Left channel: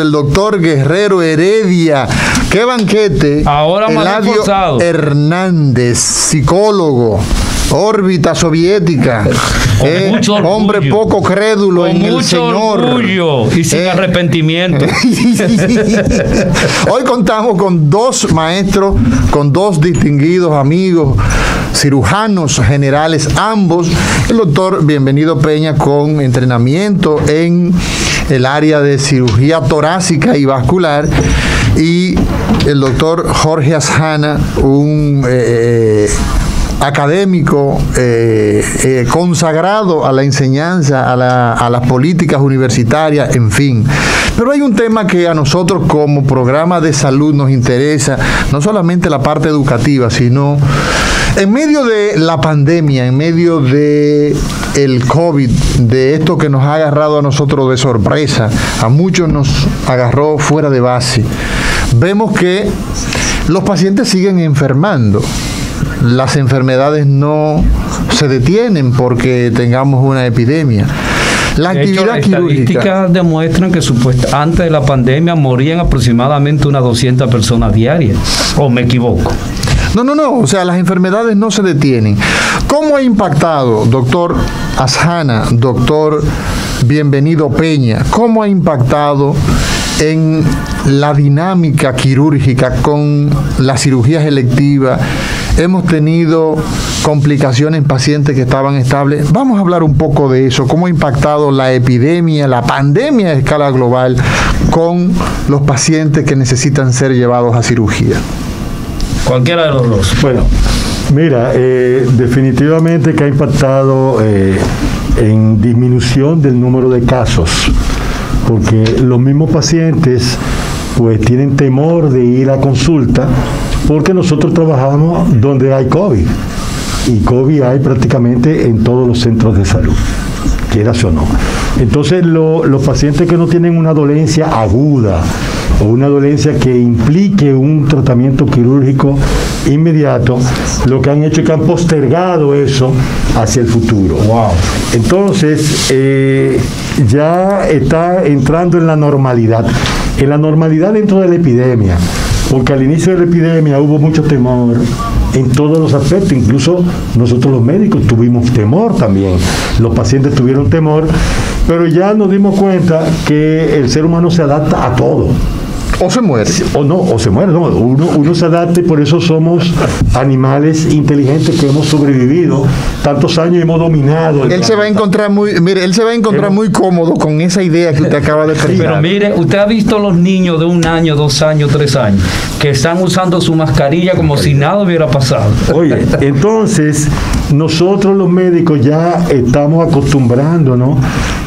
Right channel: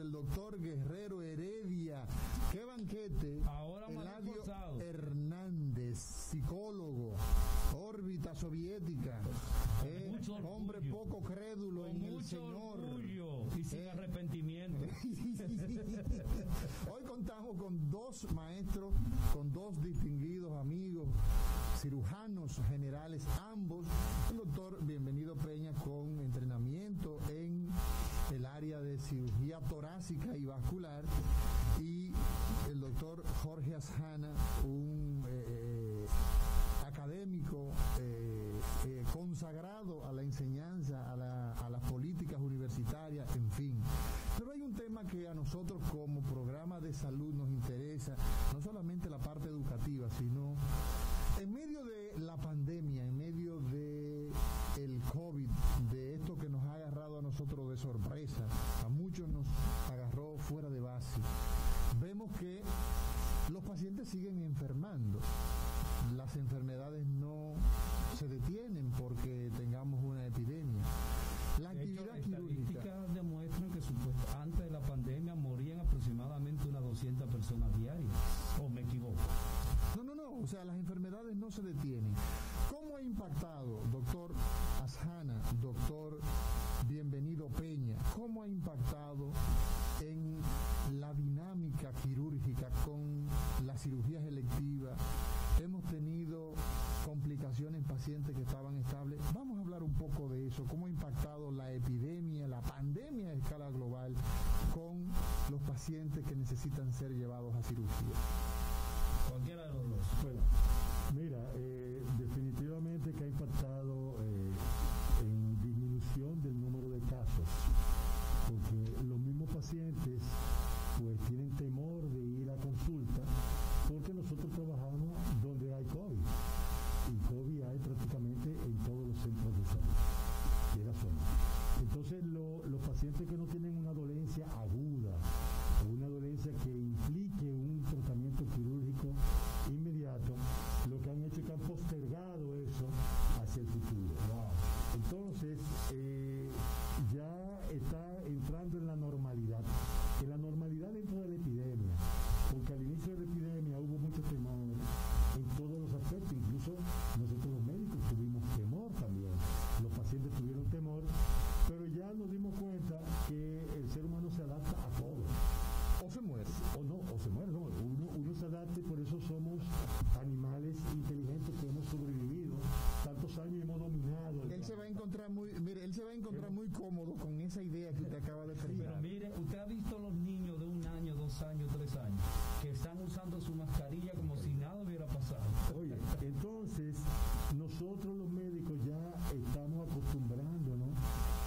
El doctor Guerrero Heredia. ¡Qué banquete! Ahora Eladio Hernández, psicólogo, órbita soviética, hombre poco crédulo en el Señor. Orgullo y sin arrepentimiento. Hoy contamos con dos maestros, con dos distinguidos amigos, cirujanos generales, ambos. El doctor Bienvenido Peña, con entrenamiento en el área de cirugía torácica y vascular, y el doctor Jorge Asjana, un académico consagrado a la enseñanza, a las políticas universitarias, en fin. Pero hay un tema que a nosotros como programa de salud nos interesa, no solamente la parte educativa, sino en medio de la pandemia, en medio de el COVID, de esto que nos ha agarrado a nosotros de sorpresa, a muchos nos agarró fuera de base. Vemos que los pacientes siguen enfermando. Las enfermedades no se detienen porque tengamos una epidemia. La actividad quirúrgica. Las estadísticas demuestran que antes de la pandemia morían aproximadamente unas 200 personas diarias. ¿O me equivoco? No, o sea, las enfermedades no se detienen. ¿Cómo ha impactado, doctor Asjana, doctor Bienvenido Peña, cómo ha impactado en la dinámica quirúrgica con las cirugías electivas? Hemos tenido complicaciones en pacientes que estaban estables. Vamos a hablar un poco de eso, cómo ha impactado la epidemia, la pandemia a escala global con los pacientes que necesitan ser llevados a cirugía. Cualquiera de los dos. Bueno, mira, definitivamente que ha impactado en disminución del número de casos, porque los mismos pacientes pues tienen temor de ir a consulta, porque nosotros trabajamos donde hay COVID, y COVID hay prácticamente en todos los centros de salud, quieras o no. Entonces los pacientes que no tienen una dolencia aguda o una dolencia que implique un tratamiento quirúrgico inmediato, lo que han hecho es que han postergado eso hacia el futuro. Wow. Entonces ya está entrando en la normalidad dentro de la epidemia, porque al inicio de la epidemia hubo mucho temor en todos los aspectos, incluso nosotros los médicos tuvimos temor también, los pacientes tuvieron temor, pero ya nos dimos cuenta que el ser humano se adapta a todo. O se muere. O se muere. No, uno se adapta, y por eso somos animales inteligentes que hemos sobrevivido tantos años y hemos dominado. Él se va a encontrar muy cómodo con esa idea que usted acaba de expresar. Pero mire, usted ha visto los niños de 1 año, 2 años, 3 años, que están usando su mascarilla como si nada hubiera pasado. Oye, entonces nosotros los médicos ya estamos acostumbrándonos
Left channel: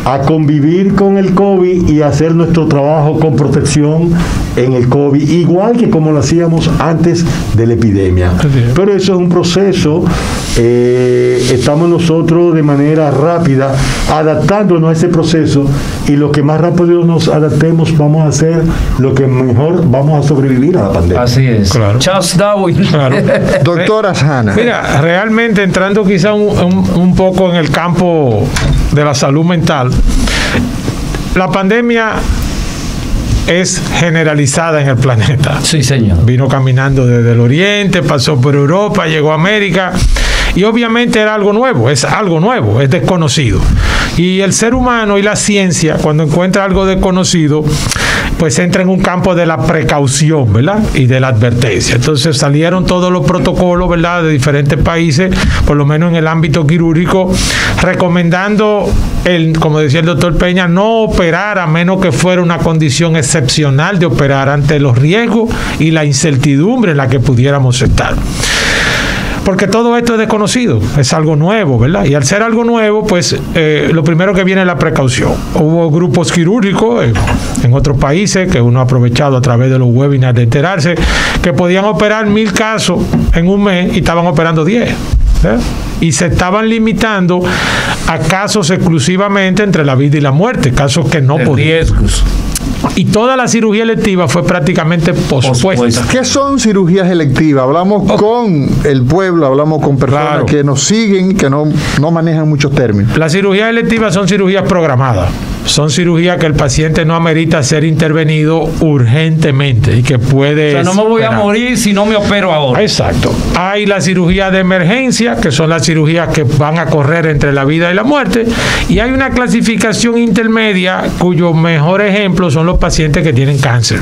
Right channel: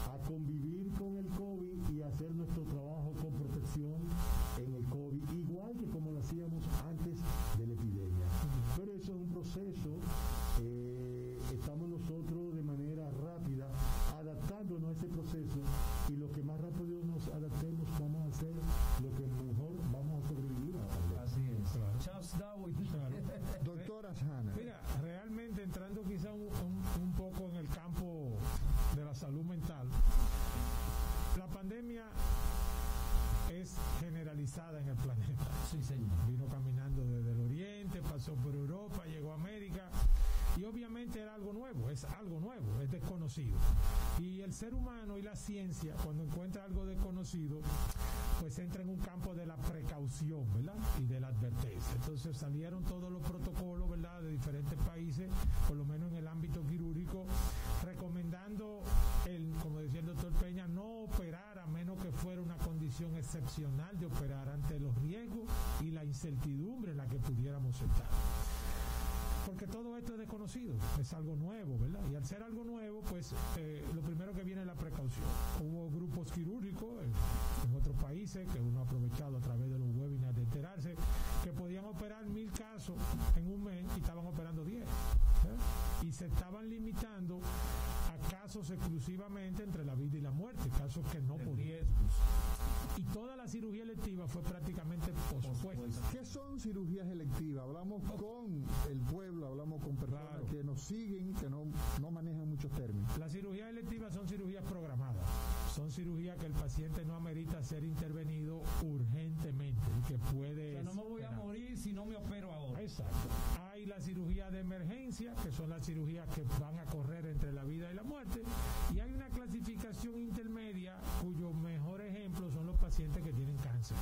a convivir con el COVID y hacer nuestro trabajo con protección en el COVID, igual que como lo hacíamos antes de la epidemia. Pero eso es un proceso, estamos nosotros de manera rápida adaptándonos a ese proceso, y lo que más rápido nos adaptemos vamos a hacer lo que mejor vamos a sobrevivir a la pandemia. Así es. Claro. Charles Darwin. Claro. Doctor Asjana. Mira, realmente entrando quizá un poco en el campo de la salud mental, la pandemia es generalizada en el planeta. Sí, señor. Vino caminando desde el Oriente, pasó por Europa, llegó a América, y obviamente era algo nuevo, es desconocido. Y el ser humano y la ciencia, cuando encuentra algo desconocido, pues entra en un campo de la precaución, ¿verdad? Y de la advertencia. Entonces salieron todos los protocolos, ¿verdad?, de diferentes países, por lo menos en el ámbito quirúrgico, recomendando, como decía el doctor Peña, no operar a menos que fuera una condición excepcional de operar, ante los riesgos y la incertidumbre en la que pudiéramos estar. Porque todo esto es desconocido, es algo nuevo, ¿verdad? Y al ser algo nuevo, pues lo primero que viene es la precaución. Hubo grupos quirúrgicos en otros países que uno ha aprovechado a través de los webinars de enterarse, que podían operar 1000 casos en un mes y estaban operando 10. Y se estaban limitando a casos exclusivamente entre la vida y la muerte, casos que no podían. Riesgos. Y toda la cirugía electiva fue prácticamente pospuesta. ¿Qué son cirugías electivas? Hablamos con el pueblo, hablamos con personas que nos siguen, que no manejan muchos términos. Las cirugías electivas son cirugías programadas. son cirugías que el paciente no amerita ser intervenido urgentemente y que puede... O sea, no me voy a morir si no me opero ahora. Exacto. Hay la cirugía de emergencia, que son las cirugías que van a correr entre la vida y la muerte, y hay una clasificación intermedia cuyo mejor ejemplo son los pacientes que tienen cáncer,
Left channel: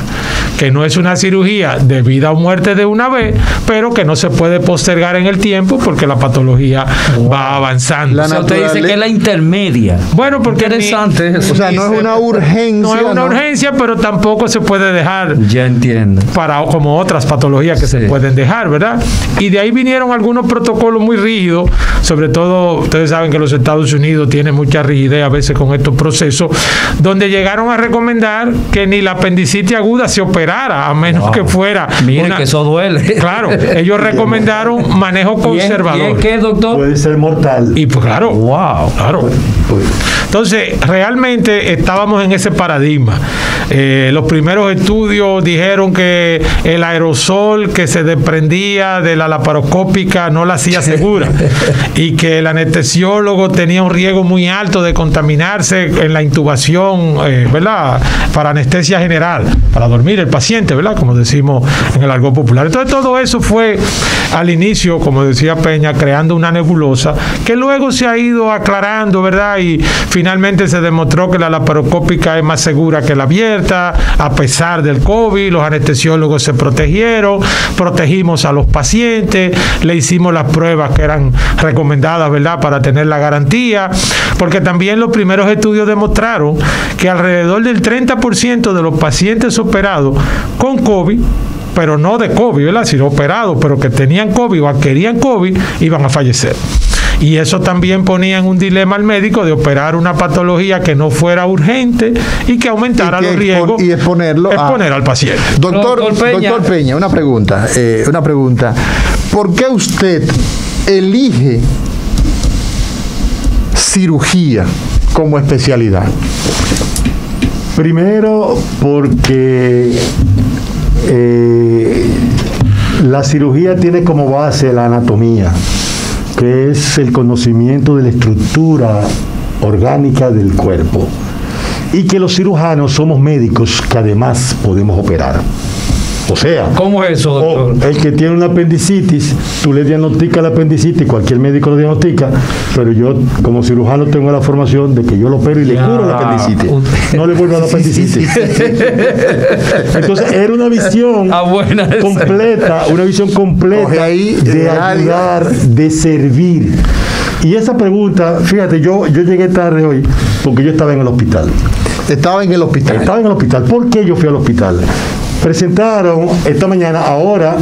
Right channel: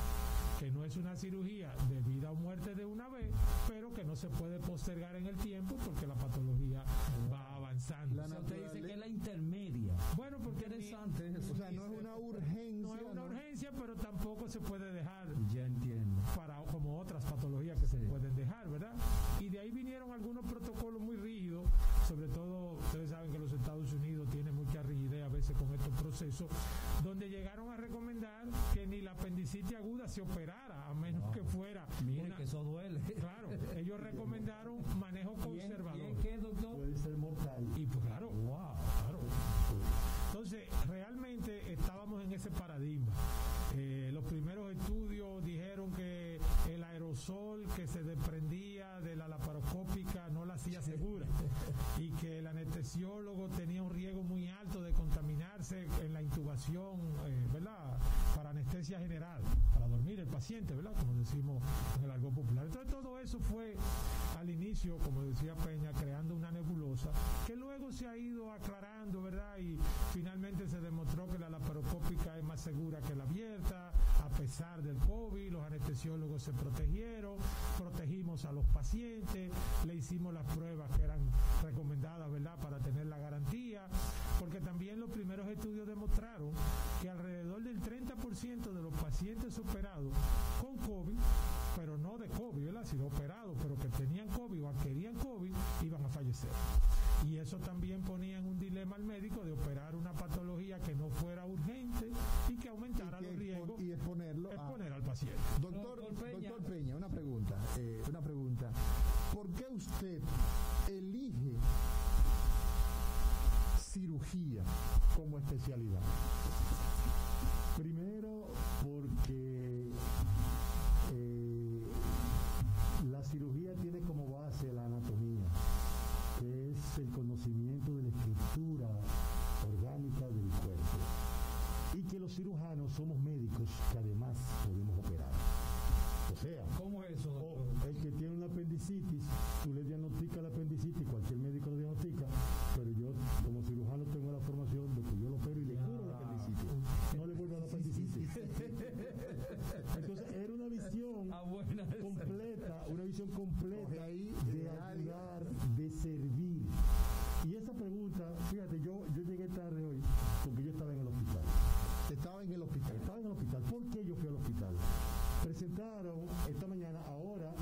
que no es una cirugía de vida o muerte de una vez, pero que no se puede postergar en el tiempo porque la patología va avanzando. O sea, usted dice que es la intermedia. Bueno, porque interesante eso. O sea, no es una urgencia. No es una urgencia, pero tampoco se puede dejar. Ya entiendo. Como otras patologías que se pueden dejar, ¿verdad? Y de ahí vinieron algunos protocolos muy rígidos, sobre todo, ustedes saben que los Estados Unidos tienen mucha rigidez a veces con estos procesos, donde llegaron a recomendar que ni la apendicitis aguda se operara, a menos que fuera... Miren que eso duele. Claro, ellos recomendaron manejo conservador. ¿Y es qué, doctor? Puede ser mortal. Y pues claro, wow. Claro. Entonces, realmente estábamos en ese paradigma. Los primeros estudios dijeron que el aerosol que se desprendía de la laparoscópica no la hacía segura y que el anestesiólogo tenía un riesgo muy alto de contaminarse en la intubación, ¿verdad? Para anestesia general, para dormir el paciente, ¿verdad? Como decimos en el argot popular. Entonces, todo eso fue al inicio, como decía Peña, creando una nebulosa que luego se ha ido aclarando, ¿verdad? Y finalmente se demostró que la laparoscópica es más segura que la abierta, a pesar del COVID. Los anestesiólogos se protegimos a los pacientes, le hicimos las pruebas que eran recomendadas, ¿verdad?, para tener la garantía, porque también los primeros estudios demostraron que alrededor del 30% de los pacientes operados con COVID, pero no de COVID, ¿verdad?, sino operados, pero que tenían COVID o adquirían COVID, iban a fallecer. Y eso también ponía en un dilema al médico de operar una patología que no fuera urgente y que aumentara los riesgos y exponer al paciente. Doctor Peña, una pregunta. ¿Por qué usted elige cirugía como especialidad? Primero, porque la cirugía tiene como base la anatomía, que es el conocimiento de la estructura orgánica del cuerpo, y que los cirujanos somos médicos que además podemos operar. O sea, ¿cómo es eso, doctor? El que tiene una apendicitis, tú le diagnosticas la apendicitis, cualquier médico lo diagnostica, pero yo como cirujano tengo la formación de que yo lo opero y le curo la apendicitis. No le vuelvo a la apendicitis. Entonces, era una visión completa, de ayudar, de servir. Y esa pregunta, fíjate, yo llegué tarde hoy porque yo estaba en el hospital. Estaba en el hospital. ¿Por qué yo fui al hospital? Presentaron esta mañana, ahora,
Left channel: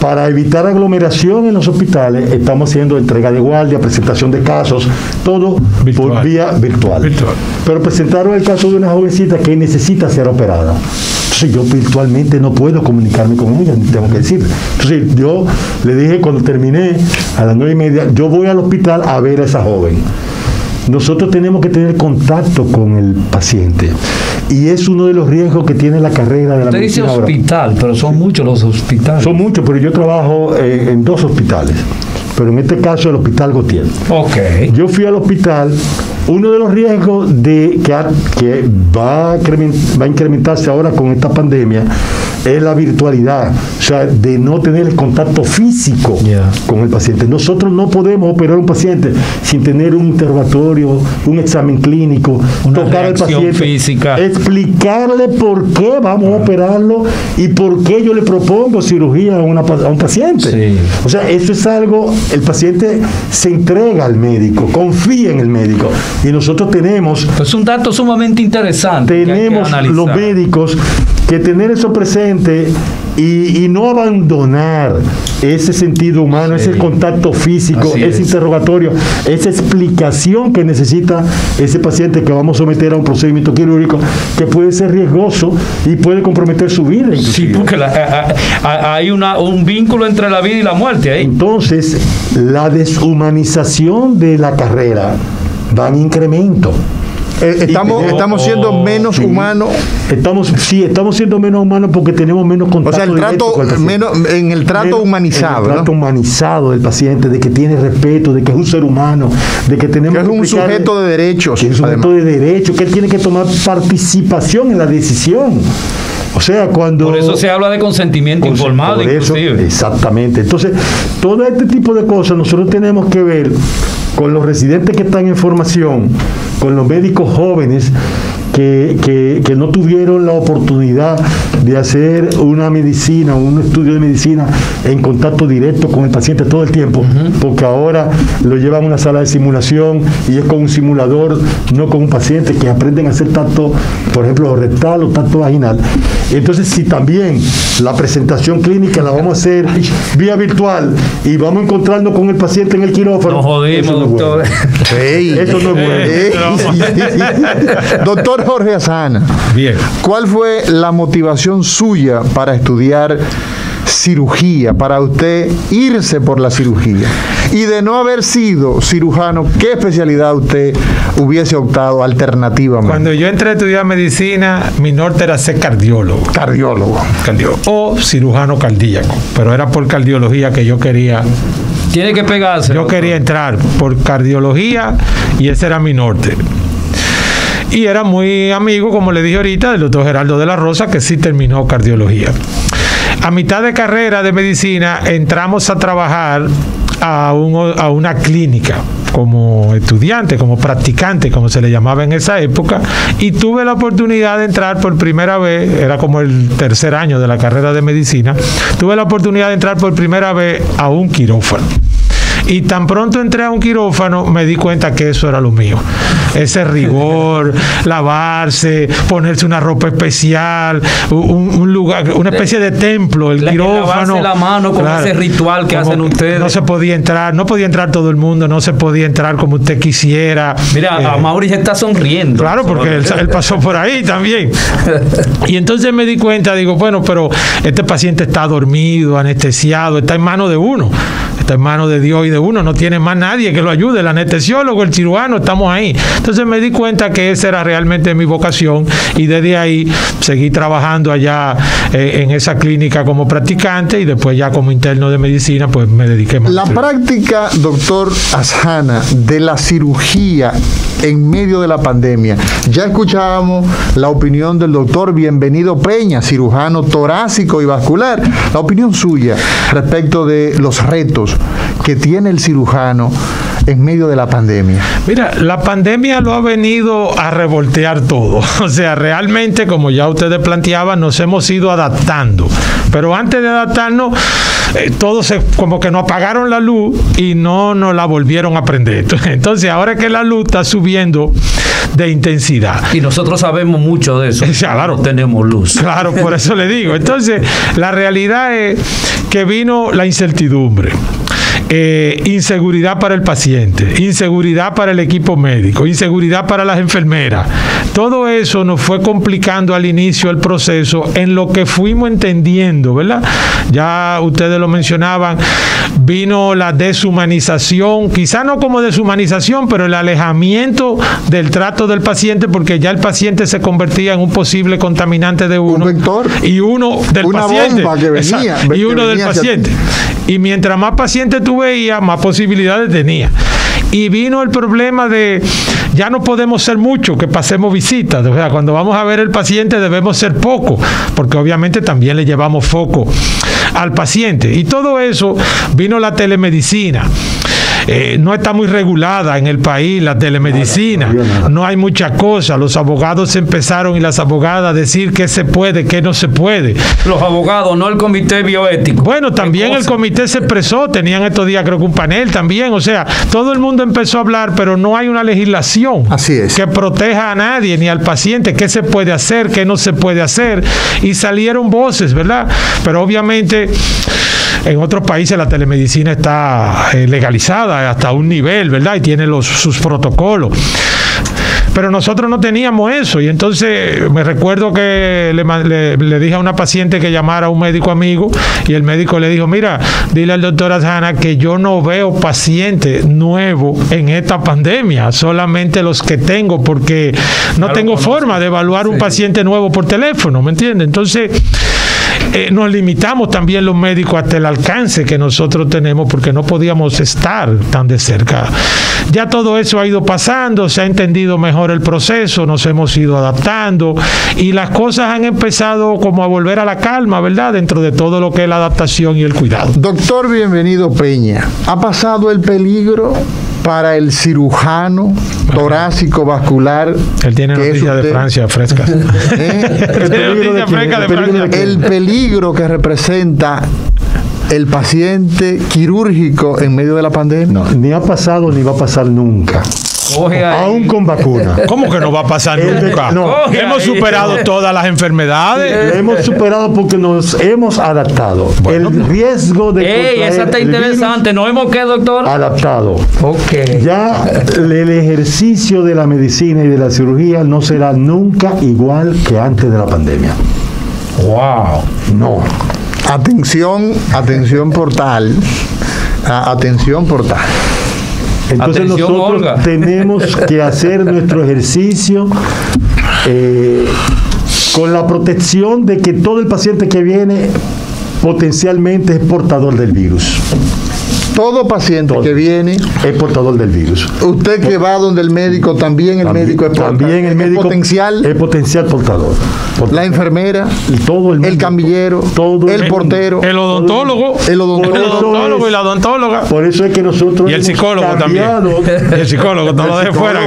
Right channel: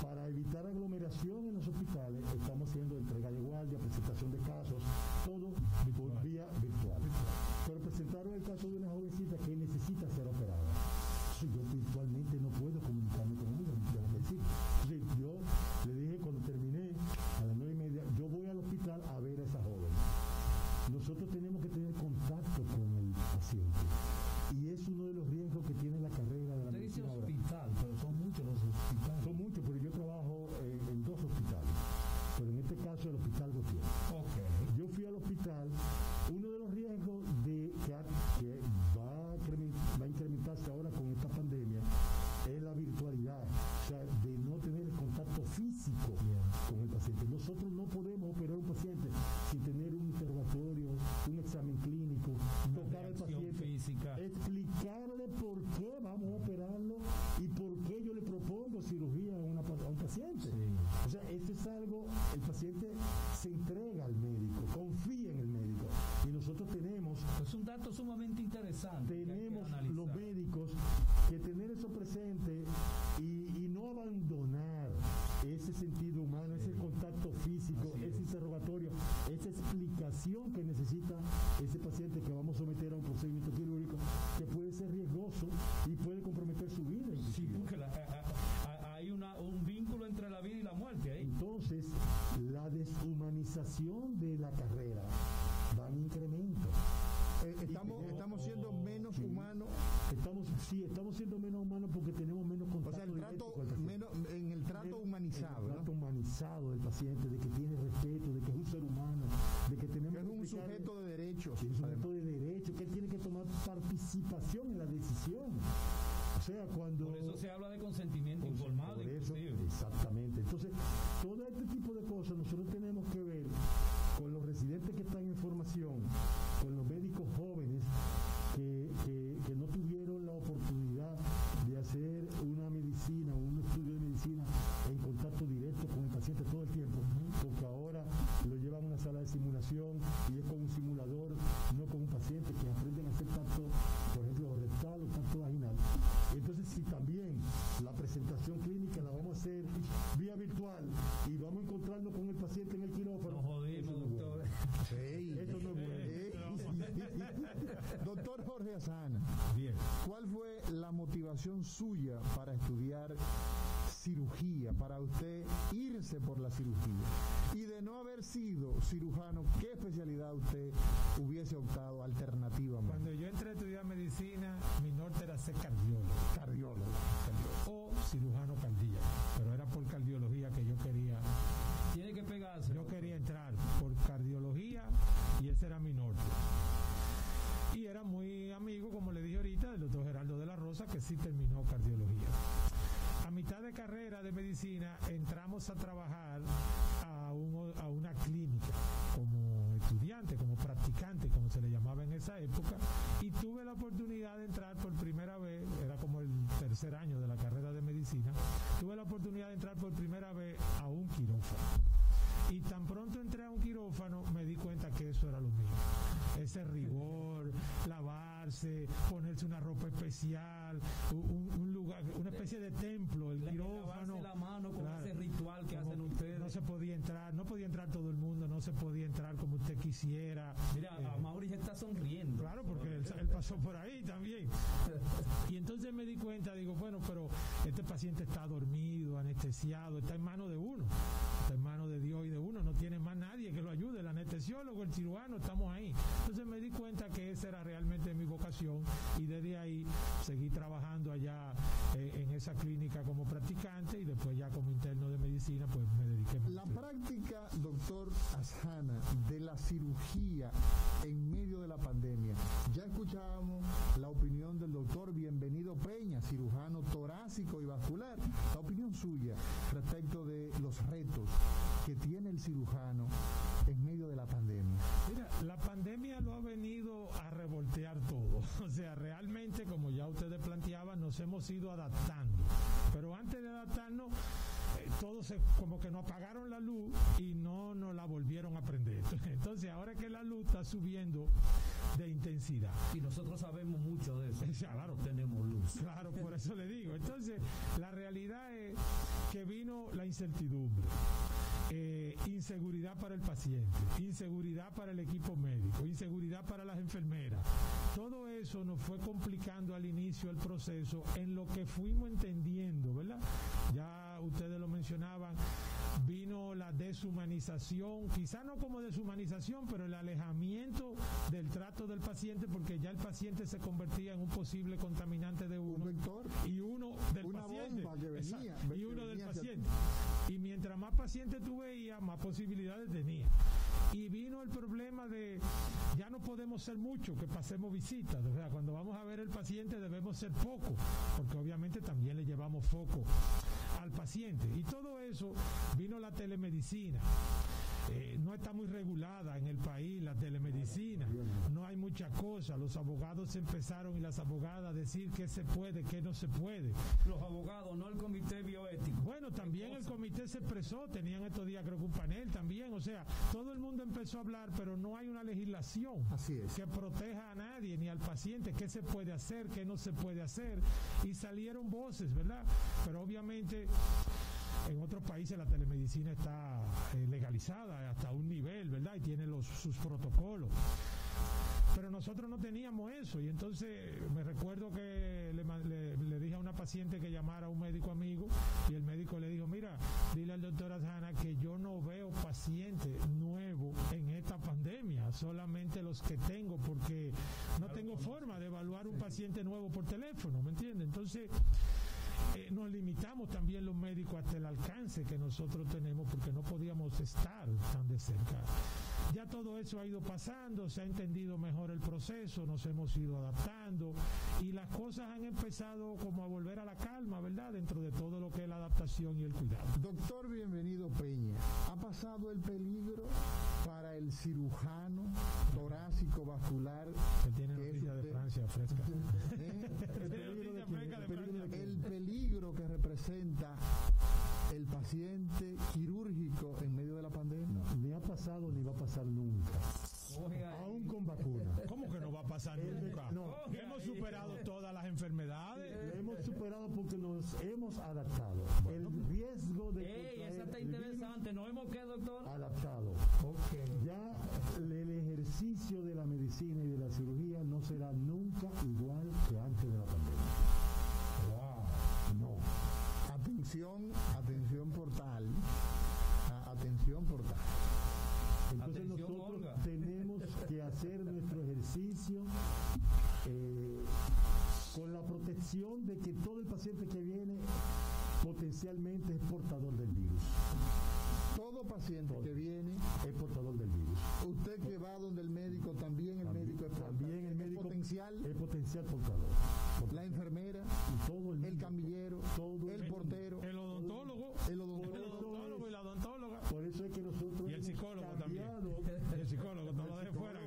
para evitar aglomeración en los hospitales, estamos haciendo entrega de guardia, presentación de casos, todo por vía virtual. Pero presentaron el caso de una jovencita que necesita ser operada. Entonces yo virtualmente no puedo comunicarme con ella, tengo que decirle. Entonces yo le dije, cuando terminé, a las 9:30, yo voy al hospital a ver a esa joven. Nosotros tenemos que tener contacto con el paciente y es uno de los riesgos que tiene la carrera de la medicina. Usted dice hospital, pero son muchos los hospitales. Son muchos, pero yo trabajo en 2 hospitales, pero en este caso el Hospital Gautier. Okay. Yo fui al hospital. Uno de los riesgos que va a incrementarse ahora con esta pandemia es la virtualidad, o sea, de no tener el contacto físico con el paciente. Nosotros no podemos operar a un paciente sin tener un interrogatorio, un examen clínico, tocar al paciente, física, explicarle por qué vamos a operarlo y por qué yo le propongo cirugía a un paciente. Sí. O sea, eso es algo, el paciente se entrega al médico, confía en el médico. Y nosotros tenemos... Es un dato sumamente interesante. Tenemos los médicos que tener eso presente y no abandonar ese sentido humano, ese contacto físico, ese interrogatorio, esa explicación que necesita ese paciente que vamos a someter a un procedimiento quirúrgico que puede ser riesgoso y puede comprometer su vida. Inclusive. Sí, porque hay un vínculo entre la vida y la muerte ahí. Entonces, la deshumanización de la carrera va en incremento. Estamos siendo menos humanos. Estamos siendo menos humanos porque tenemos menos contacto. O sea, el trato humanizado. El trato humanizado del paciente, de que tiene respeto, de que es un ser humano, de que tenemos que es un sujeto de derechos. Que es un sujeto de derechos, que él tiene que tomar participación en la decisión. O sea, cuando... Por eso se habla de consentimiento informado, inclusive. Exactamente. Entonces, todo este tipo de cosas nosotros tenemos que ver con los residentes que están en formación, con los médicos jóvenes que no tuvieron la oportunidad de hacer una medicina, un estudio de medicina en contacto directo con el paciente todo el tiempo, porque ahora lo llevan a una sala de simulación y es con un simulador, no con un paciente, que aprenden a hacer tacto, por ejemplo, rectal o tacto vaginal. Entonces, si también la presentación clínica la vamos a hacer vía virtual y vamos encontrando con el paciente en el quirófano, nos jodimos, doctor. Eso no es bueno. Doctor Jorge Azana, bien. ¿Cuál fue la motivación suya para estudiar cirugía, para usted irse por la cirugía? Y de no haber sido cirujano, ¿qué especialidad usted hubiese optado alternativamente? Cuando yo entré a estudiar medicina, mi norte era ser cardiólogo. Cardiólogo. O cirujano cardíaco, pero era por cardiología que yo quería. Tiene que pegarse. Yo quería entrar por cardiología y ese era mi norte. Y era muy amigo, como le dije ahorita, del doctor Geraldo de la Rosa, que sí terminó cardiología. A mitad de carrera de medicina entramos a trabajar a una clínica como estudiante, como practicante, como se le llamaba en esa época, y tuve la oportunidad de entrar por primera vez, era como el tercer año de la carrera de medicina, tuve la oportunidad de entrar por primera vez a un quirófano. Y tan pronto entré a un quirófano, me di cuenta que eso era lo mío. Ese rigor, lavarse, ponerse una ropa especial, un lugar, una especie de templo, el quirófano. Lavarse la mano con ese ritual que hacen ustedes. No se podía entrar, no podía entrar todo el mundo, no se podía entrar como usted quisiera. Mira, a Mauri está sonriendo. Claro, porque él pasó por ahí también. Y entonces me di cuenta, digo, bueno, pero este paciente está dormido, anestesiado, está en manos de uno. Está en manos de Dios y de uno, no tiene más nadie que lo ayude, el anestesiólogo, el cirujano, estamos ahí. Entonces me di cuenta que esa era realmente mi vocación y desde ahí seguí trabajando allá en esa clínica como practicante y después ya como interno de medicina, pues me dediqué más. La práctica, doctor Azana, de la cirugía en medio de la pandemia. Ya escuchábamos la opinión del doctor Bienvenido Peña, cirujano torácico y vascular. La opinión suya respecto de los retos que tiene el cirujano en medio de la pandemia. Mira, la pandemia lo ha venido a revoltear todo. O sea, realmente, como ya ustedes planteaban, nos hemos ido adaptando. Pero antes de adaptarnos, todos como que nos apagaron la luz y no nos la volvieron a prender. Entonces, ahora que la luz está subiendo de intensidad. Y nosotros sabemos mucho de eso. Claro. No tenemos luz. Claro, por eso le digo. Entonces, la realidad es que vino la incertidumbre. Inseguridad para el paciente, inseguridad para el equipo médico, inseguridad para las enfermeras. Todo eso nos fue complicando al inicio el proceso en lo que fuimos entendiendo, ¿verdad? Ya ustedes lo mencionaban, vino la deshumanización, quizá no como deshumanización, pero el alejamiento del trato del paciente, porque ya el paciente se convertía en un posible contaminante de uno. Un vector. Y uno del una paciente. Bomba que venía, exacto, y uno del paciente. Y mientras más pacientes tú veías, más posibilidades tenía. Y vino el problema de ya no podemos ser mucho, que pasemos visitas. O sea, cuando vamos a ver el paciente debemos ser poco, porque obviamente también le llevamos foco al paciente. Y todo eso vino la telemedicina. No está muy regulada en el país la telemedicina, no hay muchas cosas. Los abogados empezaron y las abogadas a decir qué se puede, qué no se puede. Los abogados, no el comité bioético. Bueno, también el comité se expresó, tenían estos días creo que un panel también, o sea, todo el mundo empezó a hablar, pero no hay una legislación que proteja a nadie, ni al paciente, qué se puede hacer, qué no se puede hacer, y salieron voces, ¿verdad? Pero obviamente en otros países la telemedicina está legalizada hasta un nivel, ¿verdad? Y tiene sus protocolos. Pero nosotros no teníamos eso. Y entonces me recuerdo que le dije a una paciente que llamara a un médico amigo, y el médico le dijo, mira, dile al doctor Azana que yo no veo paciente nuevo en esta pandemia, solamente los que tengo, porque no tengo forma de evaluar un paciente nuevo por teléfono, ¿me entiendes? Entonces nos limitamos también los médicos hasta el alcance que nosotros tenemos, porque no podíamos estar tan de cerca. Ya todo eso ha ido pasando, se ha entendido mejor el proceso, nos hemos ido adaptando y las cosas han empezado como a volver a la calma, ¿verdad? Dentro de todo lo que es la adaptación y el cuidado. Doctor Bienvenido Peña, ¿ha pasado el peligro para el cirujano torácico vascular? Él tiene noticias de Francia frescas. El peligro que representa el paciente quirúrgico en medio de la pandemia. No, ni ha pasado ni va a pasar nunca. Aún con vacuna. ¿Cómo que no va a pasar nunca? No. Hemos superado todas las enfermedades. Hemos superado porque nos hemos adaptado. Bueno, el riesgo de esa está interesante. ¿Nos hemos quedado, doctor? Adaptado. Ok. Ya el ejercicio de la medicina y de la cirugía no será nunca igual que antes de la pandemia. Wow. No. Atención portal. Atención portal. Entonces Atención, nosotros Olga. tenemos que hacer nuestro ejercicio con la protección de que todo el paciente que viene potencialmente es portador del virus. Todo paciente que viene es portador del virus. Usted que va donde el médico, también el médico es portador. También el médico es potencial portador. La enfermera, todo el camillero, el portero, el odontólogo, el odontólogo y la odontóloga. Por eso es que nosotros y el psicólogo también. El psicólogo, no lo deje fuera.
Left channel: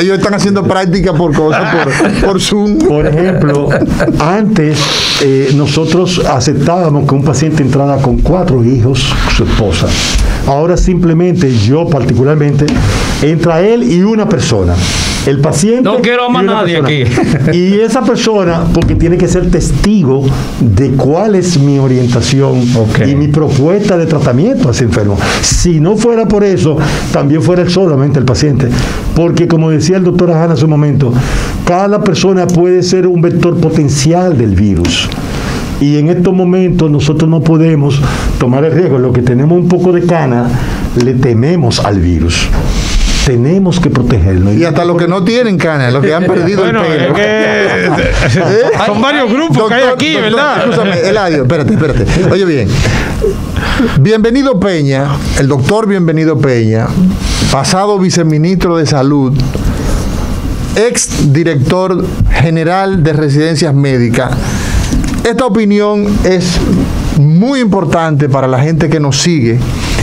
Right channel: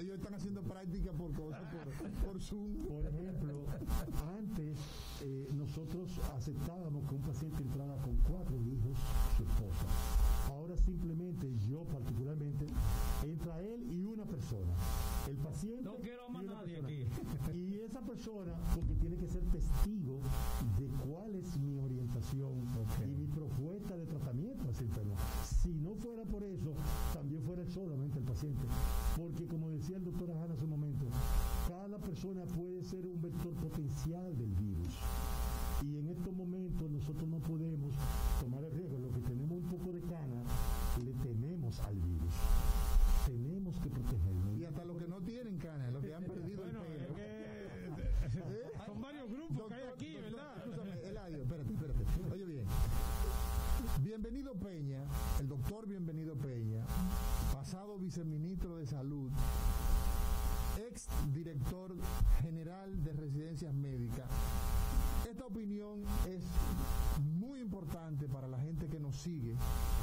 Ellos están haciendo práctica por cosas, por Zoom. Por ejemplo, antes nosotros aceptábamos que un paciente entrara con 4 hijos, su esposa. Ahora simplemente, yo particularmente, entra él y una persona. El paciente. No quiero más nadie aquí. Y esa persona, porque tiene que ser testigo de cuál es mi orientación y mi propuesta de tratamiento a ese enfermo. Si no fuera por eso, también fuera solamente el paciente. Porque, como decía el doctor Azana hace un momento, cada persona puede ser un vector potencial del virus. Y en estos momentos nosotros no podemos tomar el riesgo. Lo que tenemos un poco de cana, le tememos al virus. Tenemos que protegerlo. Y hasta los que no tienen canas, los que han perdido el pelo. Son varios grupos que hay aquí, ¿verdad? Escúchame, Eladio, espérate. Oye bien, Bienvenido Peña, el doctor Bienvenido Peña, pasado viceministro de Salud, ex director general de Residencias Médicas. Esta opinión es muy importante para la gente que nos sigue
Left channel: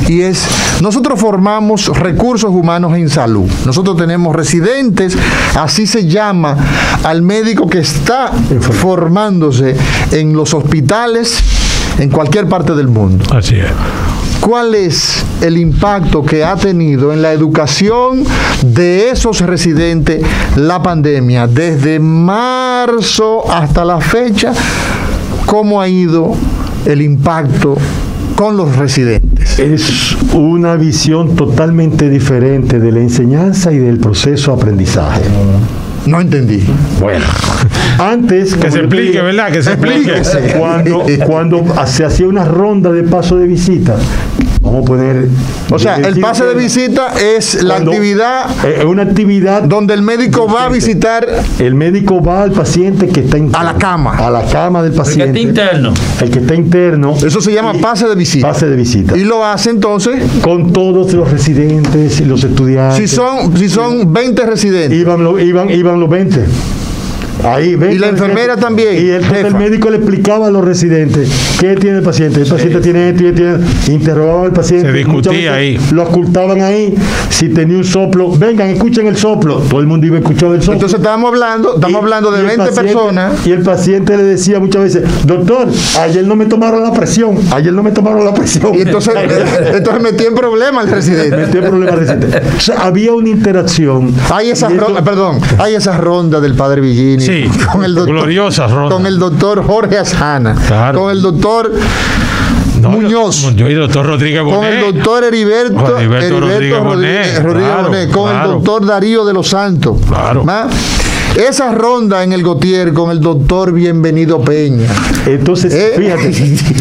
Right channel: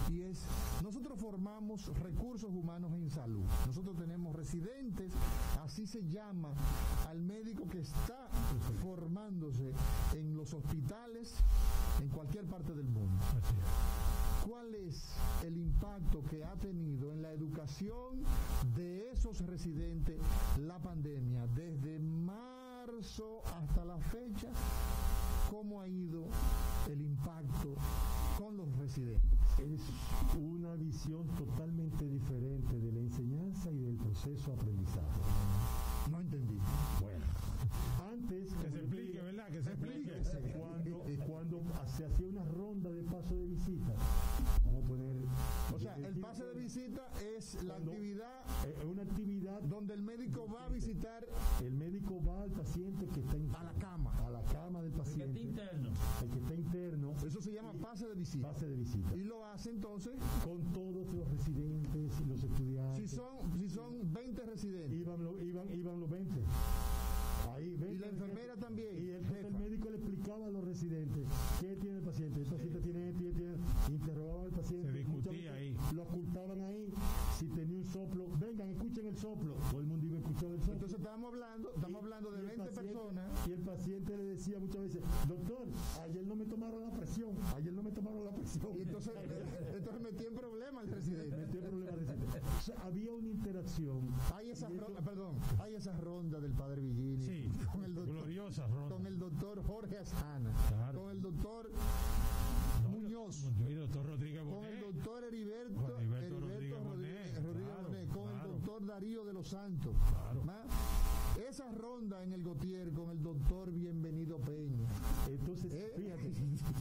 y es, nosotros formamos recursos humanos en salud. Nosotros tenemos residentes, así se llama al médico que está formándose en los hospitales en cualquier parte del mundo. Así es. ¿Cuál es el impacto que ha tenido en la educación de esos residentes la pandemia? Desde marzo hasta la fecha, ¿cómo ha ido el impacto con los residentes? Es una visión totalmente diferente de la enseñanza y del proceso de aprendizaje. No entendí. Bueno, antes... Que se explique, digo, ¿verdad? Que se explique. Cuando se hacía una ronda de paso de visita, vamos a poner... O sea, el pase de visita es la actividad... Es una actividad... donde el médico va a visitar... El médico va al paciente que está interno. A la cama. A la cama del paciente. El que está interno. El que está interno. Eso se llama pase de visita. Pase de visita. Y lo hace entonces... con todos los residentes y los estudiantes. Si son 20 residentes. Iban los 20. Ahí, y la enfermera también. Y el médico le explicaba a los residentes qué tiene el paciente. El paciente tiene esto y tiene. Interrogaba al paciente. Se discutía ahí. Lo ocultaban ahí. Si tenía un soplo, vengan, escuchen el soplo. Todo el mundo iba a escuchar el soplo. Entonces estamos hablando de 20 personas. Y el paciente le decía muchas veces, doctor, ayer no me tomaron la presión. Y entonces metí en problema al residente. O sea, había una interacción. Hay esa ronda del padre Villini. Sí, con el doctor, gloriosa ronda. Con el doctor Jorge Azana. Claro. Con el doctor Muñoz. Y el doctor Rodríguez Bonet. Con el doctor Heriberto Rodríguez Bonet. Bonet, con el doctor Darío de los Santos. Claro. Esa ronda en el Gautier con el doctor Bienvenido Peña. Entonces, fíjate,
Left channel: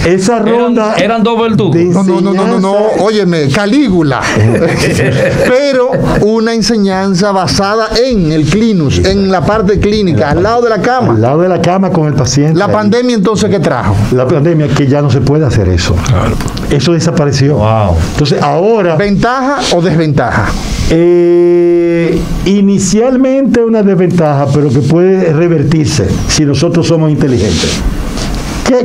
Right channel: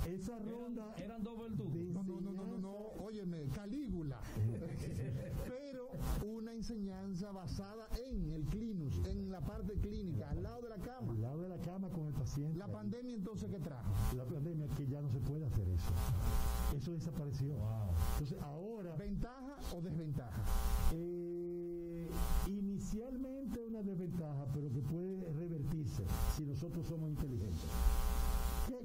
esa ronda... Eran dos verdugos. No, óyeme, Calígula. Pero una enseñanza basada en el clinus, en la parte clínica, al lado de la cama. Al lado de la cama con el paciente. La pandemia entonces, ¿qué trajo? La pandemia, que ya no se puede hacer eso. Claro. Eso desapareció. Wow. Entonces, ahora... ¿Ventaja o desventaja? Inicialmente una desventaja, pero que puede revertirse si nosotros somos inteligentes.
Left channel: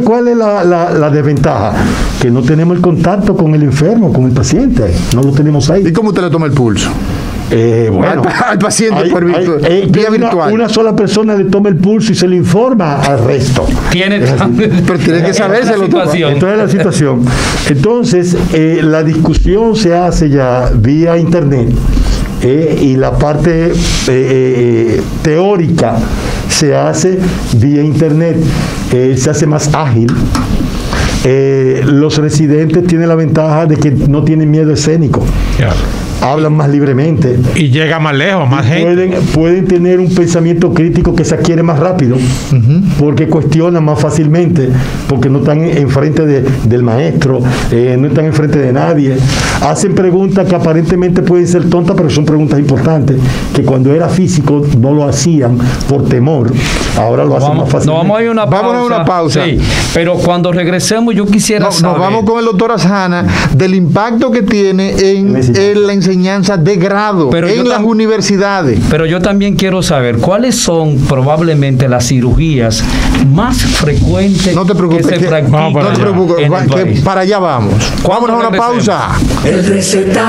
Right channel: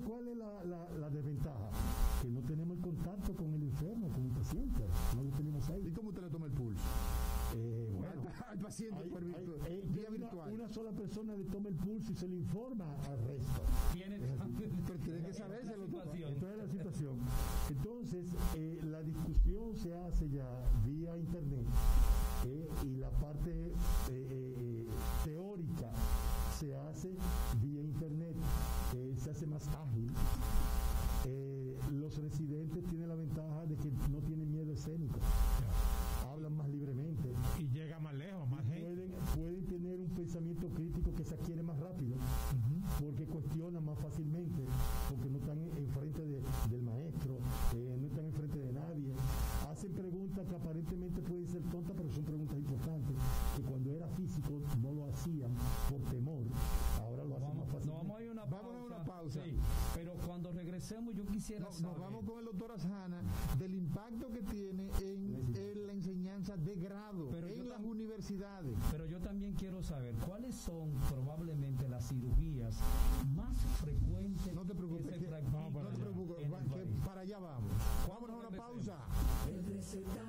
¿Cuál es la desventaja? Que no tenemos el contacto con el enfermo, con el paciente. No lo tenemos ahí. ¿Y cómo usted le toma el pulso? Bueno, al paciente por vía virtual. Una sola persona le toma el pulso y se le informa al resto. Pero tiene que saberse lo que Entonces es la situación. Entonces, la discusión se hace ya vía internet y la parte teórica se hace vía internet. Se hace más ágil. Los residentes tienen la ventaja de que no tienen miedo escénico. Claro. Hablan más libremente. Y llega más lejos, más gente. Pueden tener un pensamiento crítico que se adquiere más rápido, porque cuestionan más fácilmente, porque no están enfrente del maestro, no están enfrente de nadie. Hacen preguntas que aparentemente pueden ser tontas, pero son preguntas importantes, que cuando era físico no lo hacían por temor. Ahora lo hacen más fácilmente. Vamos a ir a una pausa. Sí, pero cuando regresemos yo quisiera saber... Nos vamos con el doctor Asjana del impacto que tiene en la enseñanza de grado en las universidades. Pero yo también quiero saber cuáles son probablemente las cirugías más frecuentes que se practican. No te preocupes, que para allá vamos. Vámonos a una pausa. El recetario.